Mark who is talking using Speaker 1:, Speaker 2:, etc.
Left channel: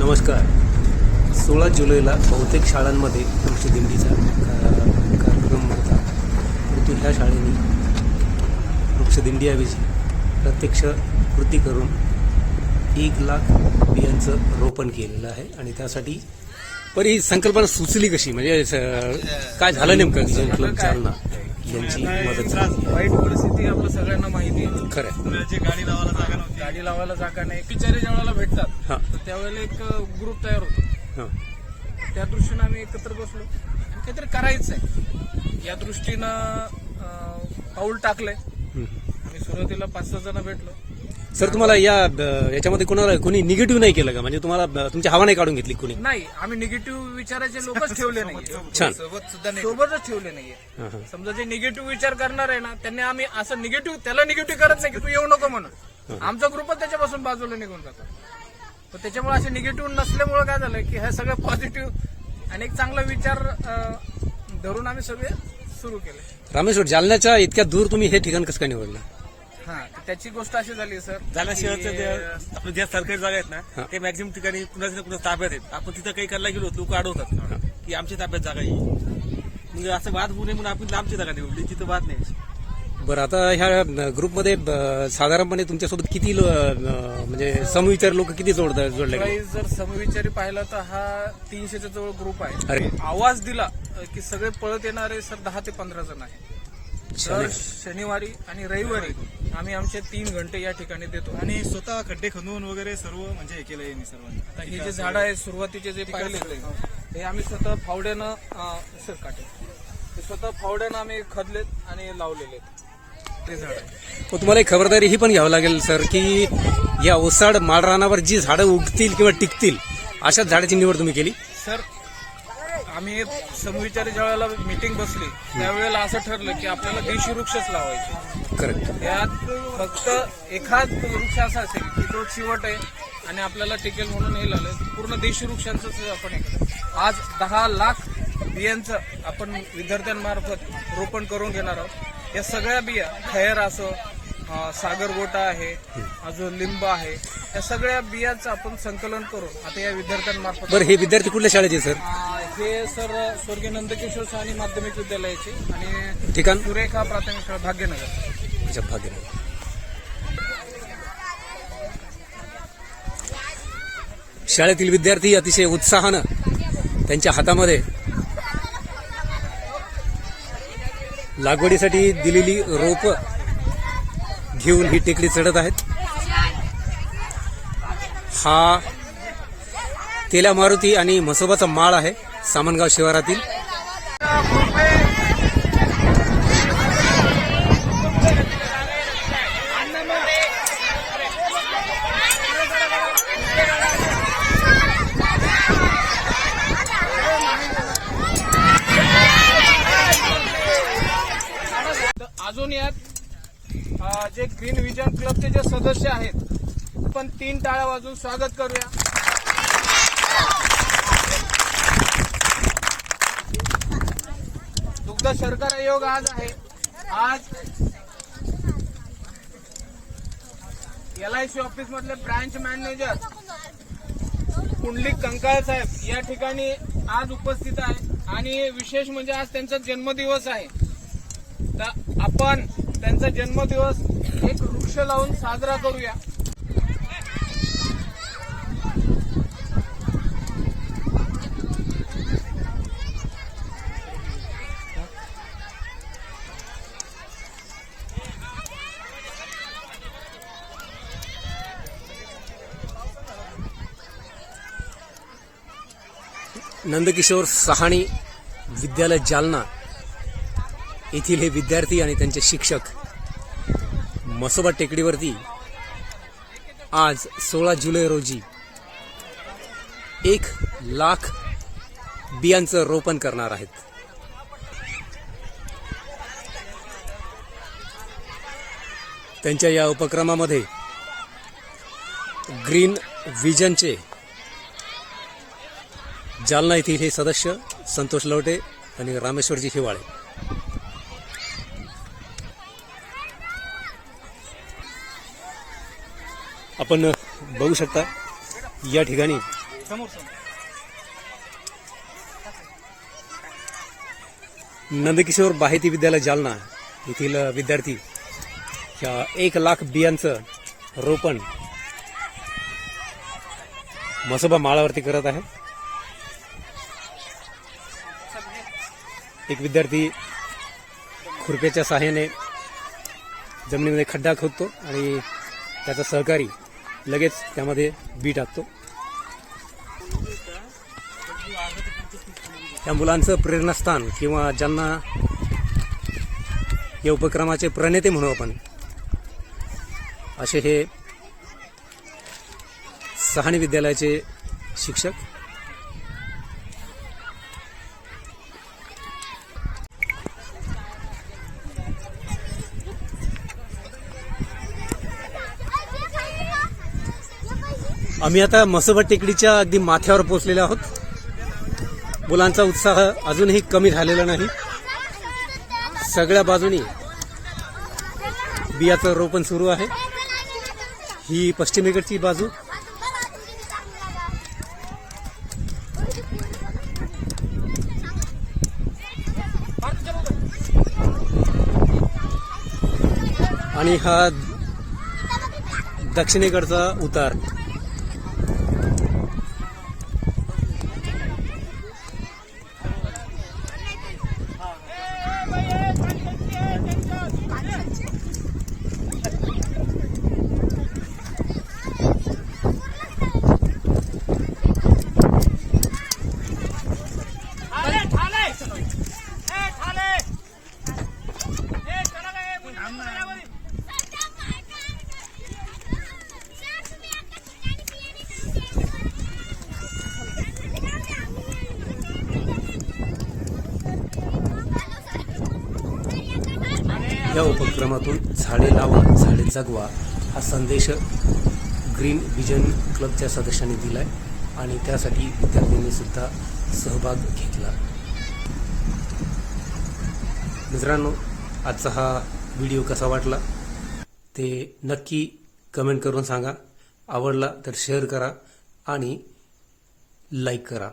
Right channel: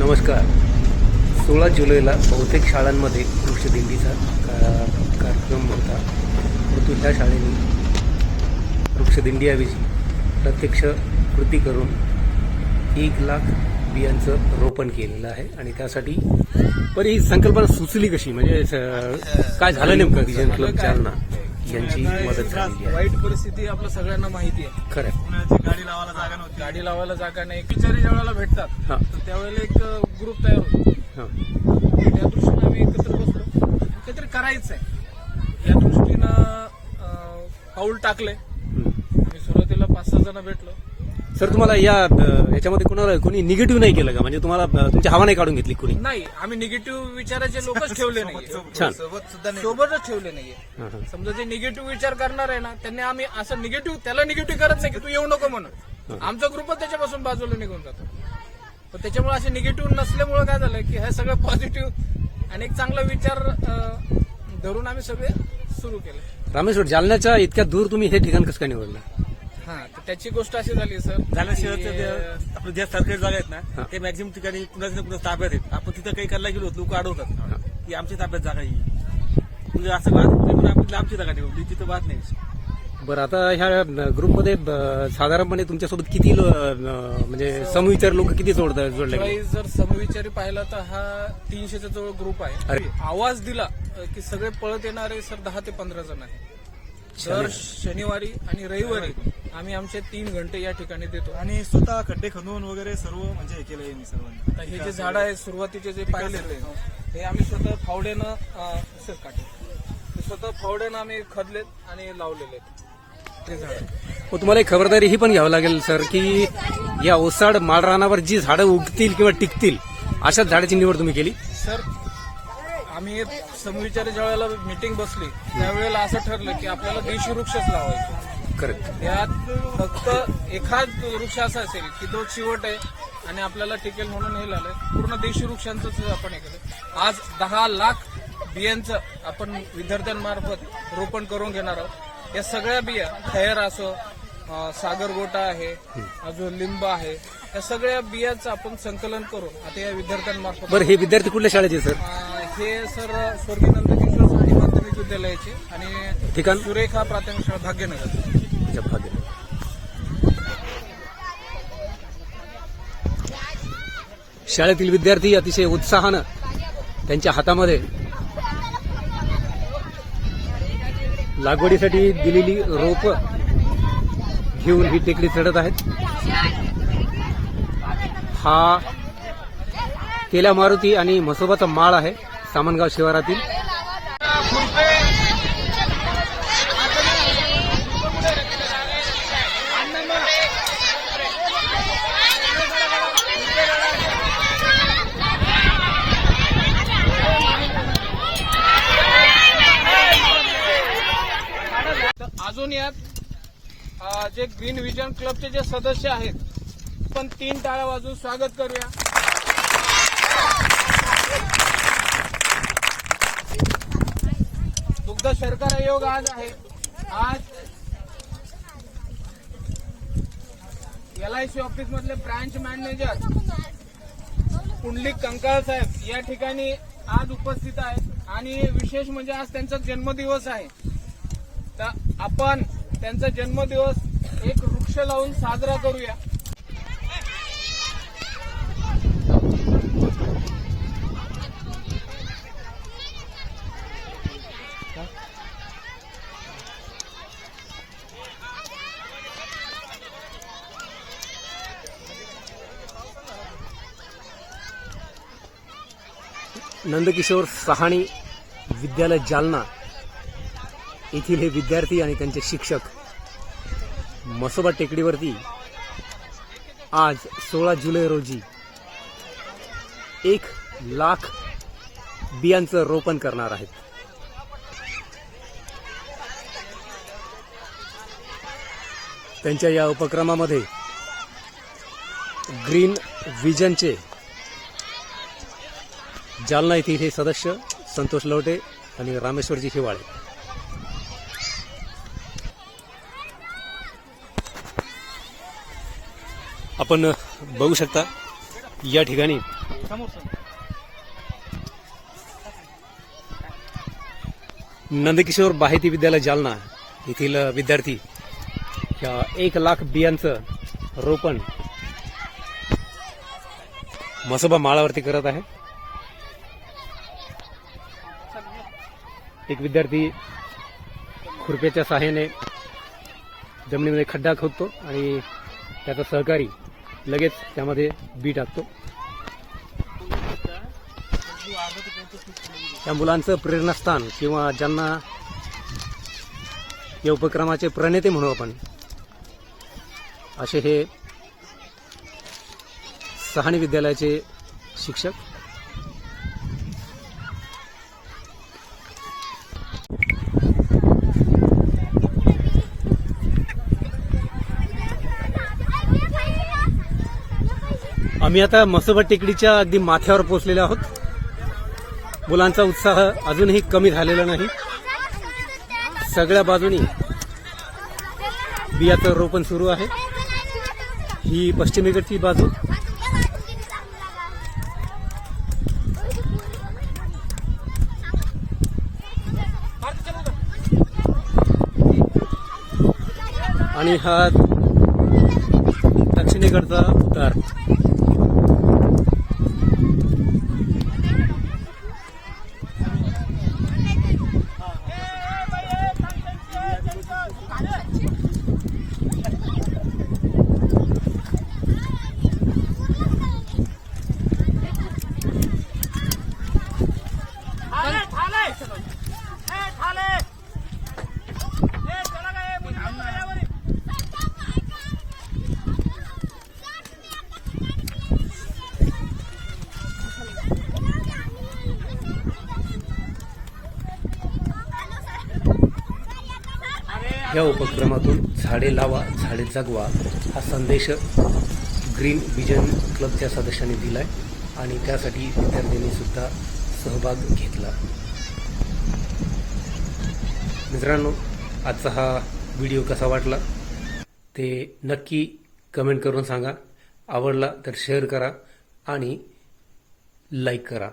Speaker 1: नमस्कार. सोळा जुलैला बहुतेक शाळांमध्ये वृक्षदिंडीचा का कार्यक्रम होता. परंतु ह्या शाळेने वृक्षदिंडीऐवजी प्रत्यक्ष कृती करून एक लाख बियांचं रोपण केलेलं आहे आणि त्यासाठी पण ही संकल्पना सुचली कशी? म्हणजे स- काय झालं नेमकं? क्लब चालना यांची मदत झाली.
Speaker 2: वाईट परिस्थिती आपलं सगळ्यांना माहिती आहे.
Speaker 1: खरं आहे.
Speaker 2: गाडी लावायला जागा नाही. बिचारे ज्या वेळेला भेटतात.
Speaker 1: हां.
Speaker 2: त्यावेळेला एक ग्रुप तयार होतो.
Speaker 1: हां.
Speaker 2: त्या दृष्टीनं आम्ही एकत्र बसलो. काहीतरी करायचं आहे या दृष्टीनं अं, पाऊल टाकलंय.
Speaker 1: हम्म.
Speaker 2: आम्ही सुरुवातीला पाच सहा जण भेटलो.
Speaker 1: सर तुम्हाला या याच्यामध्ये कोणाला कोणी निगेटिव्ह नाही केलं का? म्हणजे तुम्हाला तुमची हवा नाही काढून घेतली कोणी?
Speaker 2: नाही आम्ही निगेटिव्ह विचाराचे लोकच ठेवले नाही
Speaker 1: छान.
Speaker 2: सोबतच ठेवले नाहीये. समजा जे निगेटिव्ह विचार करणार आहे ना त्यांनी आम्ही असं निगेटिव्ह त्याला निगेटिव्ह करत नाही की तू येऊ नको म्हणून. आमचा ग्रुपच त्याच्यापासून बाजूला निघून जातो. पण त्याच्यामुळे असे निगेटिव्ह नसल्यामुळे काय झालं की हे सगळं पॉझिटिव्ह आणि एक चांगला विचार अं, धरून आम्ही सगळे सुरू केले.
Speaker 1: रामेश्वर जालन्याच्या इतक्या दूर तुम्ही हे ठिकाण कसं काय निवडलं?
Speaker 2: तर त्याची गोष्ट अशी झाली सर
Speaker 3: जालना शहराचं जे- आपलं ज्या सरकारी जागा आहेत. ना ते मॅक्झिमम ठिकाणी कुणाच्या ना कुणाच्या ताब्यात आहेत. आपण तिथं काही करायला गेलो लोक अडवतात. की आमच्या ताब्यात जागा आहे म्हणजे असं वाद नाही पण आपण आमची जागा निवडली तिथं वाद नाही.
Speaker 1: बरं आता ह्या ग्रुपमध्ये साधारणपणे तुमच्यासोबत किती म्हणजे समविचार लोक किती जोड जोडले
Speaker 2: जर समविचारी पाहिला तर हा तीनशेच्या जवळ ग्रुप आहे.
Speaker 1: अरे.
Speaker 2: आवाज दिला की सगळे पळत येणारे सर दहा ते पंधरा जण आहे दर शनिवारी आणि रविवारी आम्ही आमचे तीन घंटे या ठिकाणी देतो. आणि
Speaker 3: स्वतः खड्डे खणून वगैरे सर्व म्हणजे हे केलं यांनी सर्वांनी.
Speaker 2: आता हे जे झाड आहे सुरुवातीचे जे पाहिले हे आम्ही स्वतः फावड्यानं अ, सर काटे हे स्वतः फावड्यानं आम्ही खदलेत आणि लावलेले. ते झाड.
Speaker 1: मग तुम्हाला एक खबरदारी ही पण घ्यावं लागेल सर की या ओसाड माळरानावर जी झाडं उगतील किंवा टिकतील अशाच झाडाची निवड तुम्ही केली?
Speaker 2: सर आम्ही समविचारी ज्या वेळेला मिटिंग बसली त्यावेळेला असं ठरलं की आपल्याला देशी वृक्षच लावायचे.
Speaker 1: करेक्ट
Speaker 2: त्यात फक्त एखाद वृक्ष असा असेल की तो चिवट आहे आणि आपल्याला टिकेल म्हणून हे लावलंय पूर्ण देशी वृक्षांचंच आपण हे केलं. आज दहा लाख बियांचं आपण विद्यार्थ्यांमार्फत रोपण करून घेणार आहोत. या सगळ्या बिया खैर असो सागरगोटा आहे अजून लिंब आहे या सगळ्या बियाचं आपण संकलन करून आता या विद्यार्थ्यांमार्फत
Speaker 1: बरं हे विद्यार्थी कुठल्या शाळेचे सर?
Speaker 2: हे सर स्वर्गीय नंदकिशोर स्वामी माध्यमिक विद्यालयाची आणि
Speaker 1: ठिकाण?
Speaker 2: सुरेखा प्राथमिक शाळा भाग्यनगर.
Speaker 1: अच्छा, भाग्य शाळेतील विद्यार्थी अतिशय उत्साहानं त्यांच्या हातामध्ये लागवडीसाठी दिलेली रोप घेऊन ही टेकडी चढत आहेत. हा तेल्या मारुती आणि म्हसोबाचा माळ आहे. सामनगाव शिवारातील.
Speaker 2: अजून यात जे ग्रीन विजन क्लबचे जे सदस्य आहेत आपण तीन टाळ्या वाजून स्वागत करूया. दुग्ध शर्करा आयोग आज आहे. आज एल आय सी ऑफिस मधले ब्रांच मॅनेजर कुंडलिक कंकाळ साहेब या ठिकाणी आज उपस्थित आहे. आणि विशेष म्हणजे आज त्यांचा जन्मदिवस आहे. तर आपण त्यांचा जन्मदिवस एक वृक्ष लावून साजरा करूया.
Speaker 1: नंदकिशोर सहाणी विद्यालय जालना येथील हे विद्यार्थी आणि त्यांचे शिक्षक मसोबा टेकडीवरती आज सोळा जुलै रोजी एक लाख बियांचं रोपण करणार आहेत. त्यांच्या या उपक्रमामध्ये ग्रीन विजनचे जालना येथील हे सदस्य संतोष लवटे आणि रामेश्वरजी हिवाळे. आपण बघू शकता या ठिकाणी नंदकिशोर बाहेती विद्यालय जालना येथील विद्यार्थी ह्या एक लाख बियांचं रोपण मसोबा माळावरती करत आहे. एक विद्यार्थी खुरप्याच्या सहाय्याने जमिनीमध्ये खड्डा खोदतो आणि त्याचा सहकारी लगेच त्यामध्ये बी टाकतो. त्या मुलांचं प्रेरणास्थान किंवा ज्यांना या उपक्रमाचे प्रणेते म्हणू आपण असे हे सहाणी विद्यालयाचे शिक्षक आम्ही आता मसोबा टेकडीच्या अगदी माथ्यावर पोहोचलेलो आहोत. मुलांचा उत्साह अजूनही कमी झालेला नाही. सगळ्या बाजूनी बियाचं रोपण सुरू आहे. ही पश्चिमेकडची बाजू. आणि हा दक्षिणेकडचा उतार. या उपक्रमातून झाडे लावा झाडे जगवा हा संदेश ग्रीन विजन क्लबच्या सदस्यांनी दिला आहे आणि त्यासाठी विद्यार्थ्यांनी सुद्धा सहभाग घेतला. मित्रांनो आजचा हा व्हिडिओ कसा वाटला ते नक्की कमेंट करून सांगा. आवडला तर शेअर करा आणि लाईक करा.